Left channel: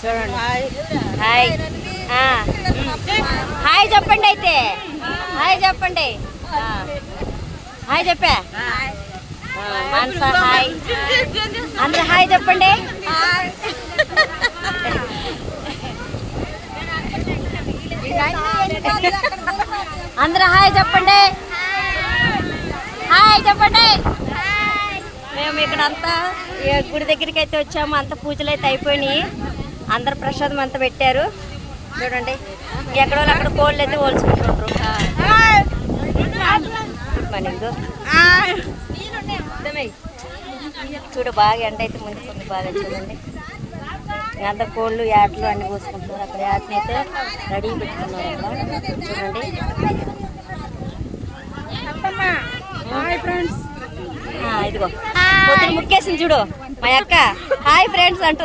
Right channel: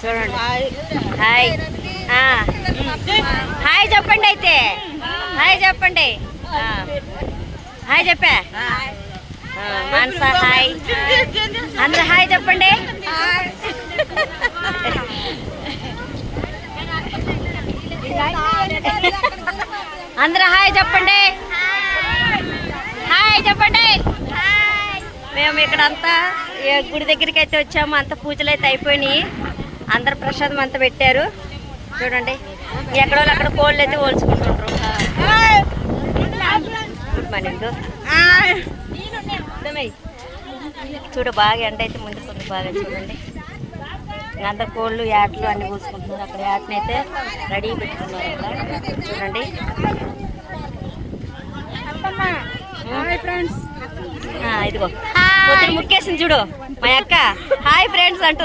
చూడండి. Hi hi చెప్పండి. అయితే హాయ్ చెప్పండి. హాయ్ చెప్పా మానస. హాయ్ అందరూ హాయ్ చెప్పండి. అందరూ హాయ్ చెప్పండి. హాయ్ చెప్పండి. మేము ఇక్కడ అంతా గుడి దగ్గరికి అయితే వచ్చాము. అంత పూజలు అయితే అయిపోయినాయి. అందరు ప్రసాదం అంతా పెట్టారు. చూడండి ఎక్కడో అక్కడ కోళ్ళు అయితే పోల్చుకుంటుంటారు. Good morning. చూడు బాగా ఎండ అయితే ముందుకుంది బాగా. చూడండి అంత కోళ్ళు యాట్లు అన్ని పూసుకుంటున్నారు. అక్కడ యాట్ని అయితే రెడీ పెట్టుకున్నారు. అక్కడ చూడండి. ఇదిగో పొద్దున ముక్కేసింది చూడు మా అక్క. హాయ్ ఫ్రెండ్స్ అంటుంది.